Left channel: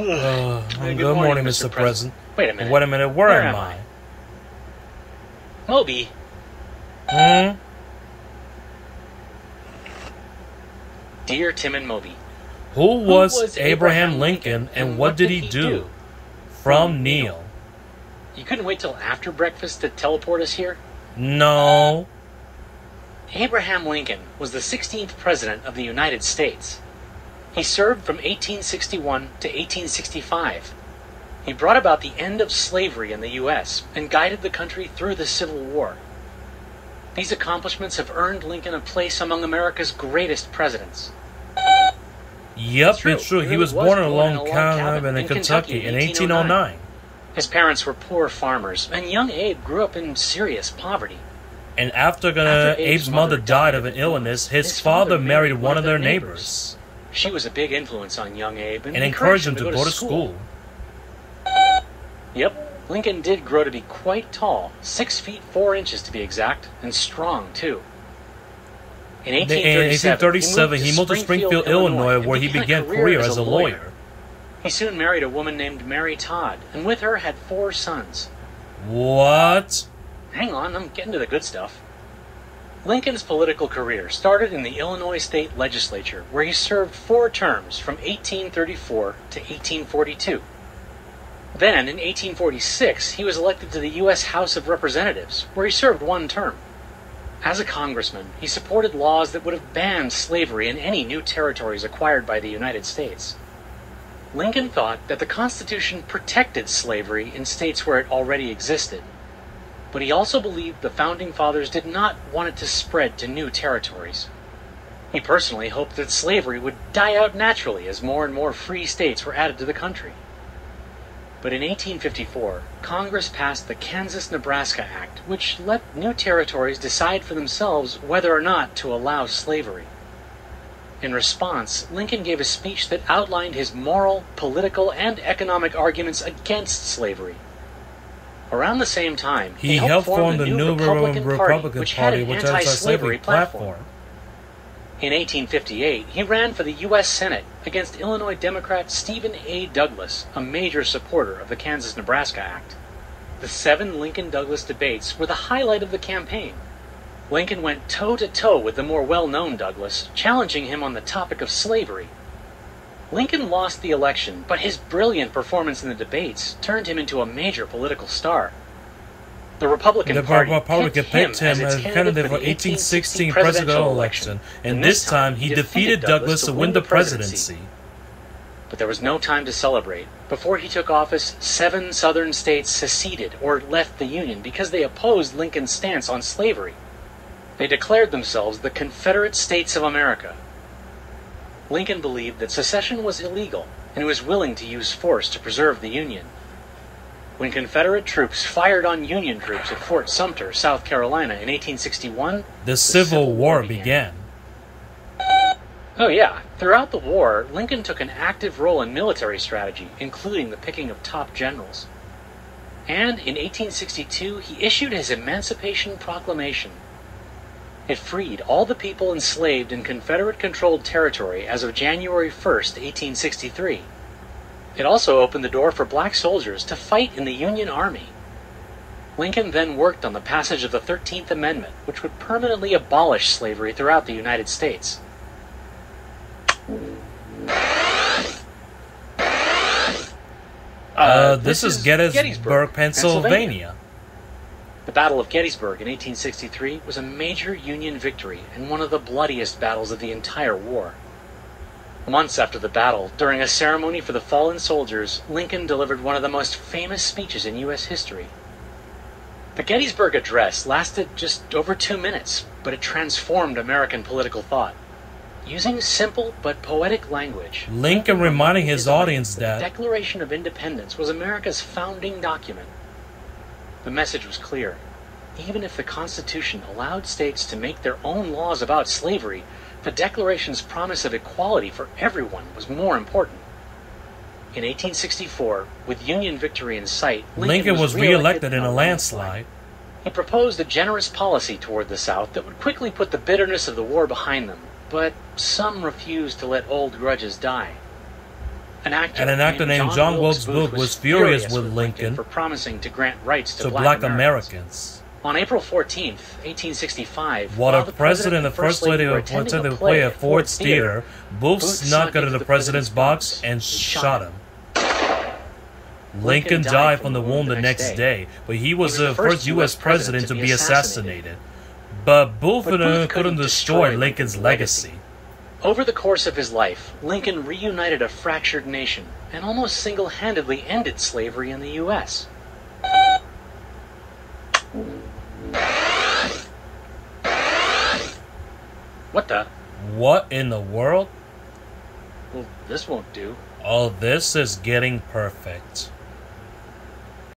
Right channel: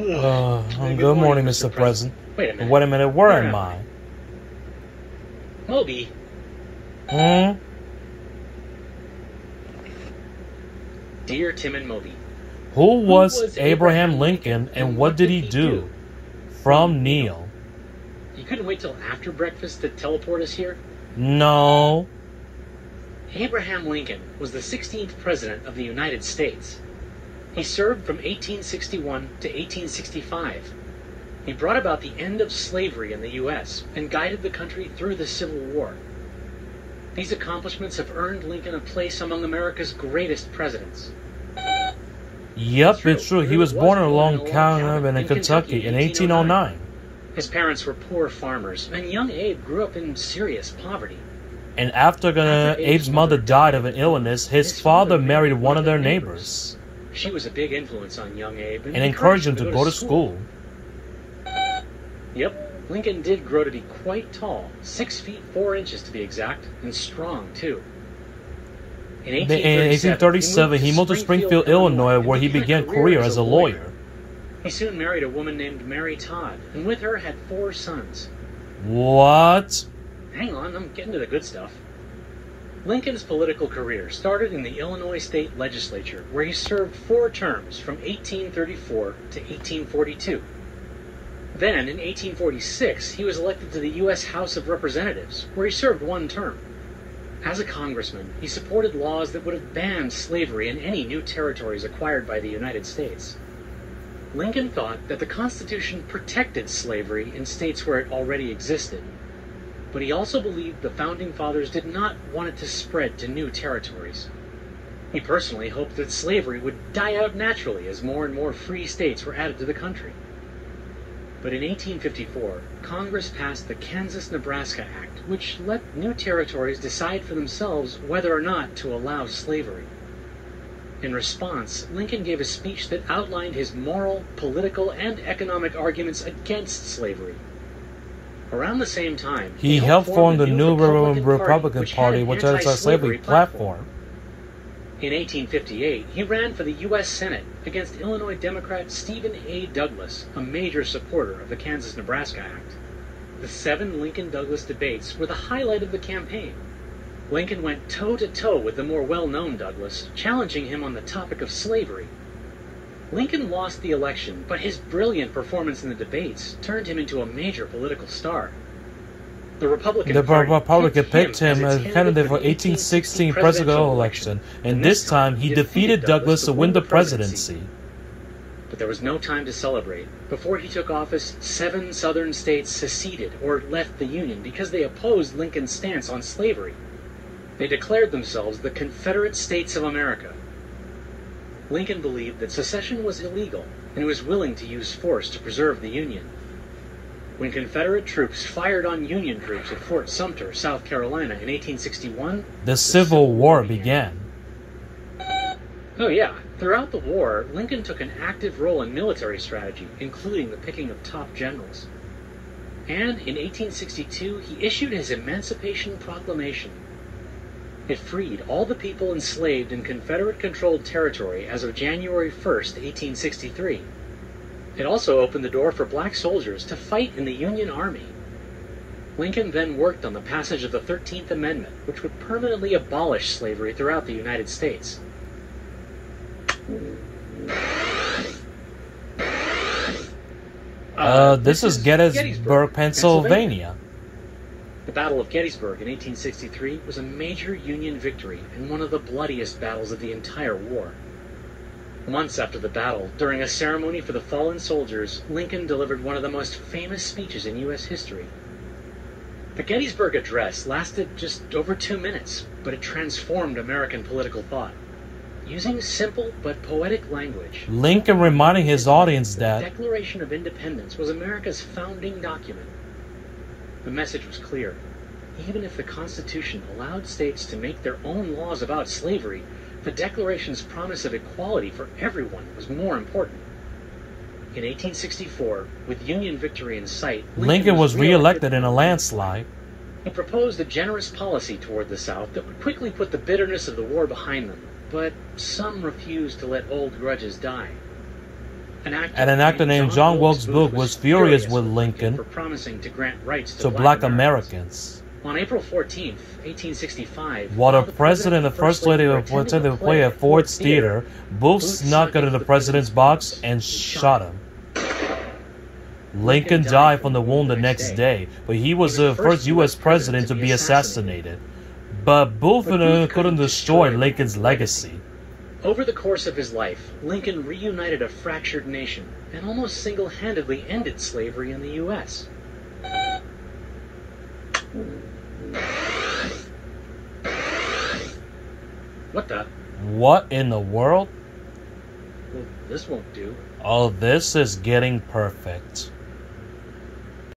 Good morning, Mr. President. Wait a minute, where am I? Moby. Dear Tim and Moby. Who was Abraham Lincoln and what did he do? From Neil. You couldn't wait till after breakfast to teleport us here? No. Abraham Lincoln was the 16th President of the United States. He served from 1861 to 1865. He brought about the end of slavery in the U.S. and guided the country through the Civil War. These accomplishments have earned Lincoln a place among America's greatest presidents. Yep, it's true. He was born in a log cabin in Kentucky in 1809. His parents were poor farmers, and young Abe grew up in serious poverty. And after Abe's mother died of an illness, his father married one of their neighbors. She was a big influence on young Abe and encouraged him to go to school. Yep, Lincoln did grow to be quite tall, 6 feet 4 inches to be exact, and strong too. In 1837, he moved to Springfield, Illinois, where he began a career as a lawyer. He soon married a woman named Mary Todd, and with her had 4 sons. What? Hang on, I'm getting to the good stuff. Lincoln's political career started in the Illinois State Legislature, where he served 4 terms from 1834 to 1842. Then, in 1846, he was elected to the U.S. House of Representatives, where he served 1 term. As a congressman, he supported laws that would have banned slavery in any new territories acquired by the United States. Lincoln thought that the Constitution protected slavery in states where it already existed. But he also believed the Founding Fathers did not want it to spread to new territories. He personally hoped that slavery would die out naturally as more and more free states were added to the country. But in 1854, Congress passed the Kansas-Nebraska Act, which let new territories decide for themselves whether or not to allow slavery. In response, Lincoln gave a speech that outlined his moral, political, and economic arguments against slavery. Around the same time, he helped form the new Republican Party, which had an anti-slavery platform. In 1858, he ran for the U.S. Senate against Illinois Democrat Stephen A. Douglas, a major supporter of the Kansas-Nebraska Act. The 7 Lincoln-Douglas debates were the highlight of the campaign. Lincoln went toe-to-toe with the more well-known Douglas, challenging him on the topic of slavery. Lincoln lost the election, but his brilliant performance in the debates turned him into a major political star. The Republican Party picked him as candidate for 1816 presidential election, and this time he defeated Douglas to win the presidency. But there was no time to celebrate. Before he took office, 7 southern states seceded or left the Union because they opposed Lincoln's stance on slavery. They declared themselves the Confederate States of America. Lincoln believed that secession was illegal, and was willing to use force to preserve the Union. When Confederate troops fired on Union troops at Fort Sumter, South Carolina in 1861, the Civil War began. Oh yeah, throughout the war, Lincoln took an active role in military strategy, including the picking of top generals. And in 1862, he issued his Emancipation Proclamation. It freed all the people enslaved in Confederate-controlled territory as of January 1st, 1863. It also opened the door for black soldiers to fight in the Union Army. Lincoln then worked on the passage of the 13th Amendment, which would permanently abolish slavery throughout the United States. This is Gettysburg, Pennsylvania. The Battle of Gettysburg in 1863 was a major Union victory and one of the bloodiest battles of the entire war. Months after the battle, during a ceremony for the fallen soldiers, Lincoln delivered one of the most famous speeches in U.S. history. The Gettysburg Address lasted just over 2 minutes, but it transformed American political thought. Using simple but poetic language, Lincoln reminding his audience that the Declaration of Independence was America's founding document. The message was clear. Even if the Constitution allowed states to make their own laws about slavery, the Declaration's promise of equality for everyone was more important. In 1864, with Union victory in sight, Lincoln was re-elected in a landslide. He proposed a generous policy toward the South that would quickly put the bitterness of the war behind them, but some refused to let old grudges die. An And an actor named John Wilkes Booth was furious with Lincoln for promising to grant rights to black Americans. On April 14th, 1865, While the president and the first lady were attending the play at Ford's Theater, Booth snuck into the president's box and shot him. Lincoln died from the wound the next day, but he was the first U.S. president to be assassinated. But Booth couldn't destroy Lincoln's legacy. Over the course of his life, Lincoln reunited a fractured nation and almost single-handedly ended slavery in the U.S. What the? What in the world? Well, this won't do. Oh, this is getting perfect.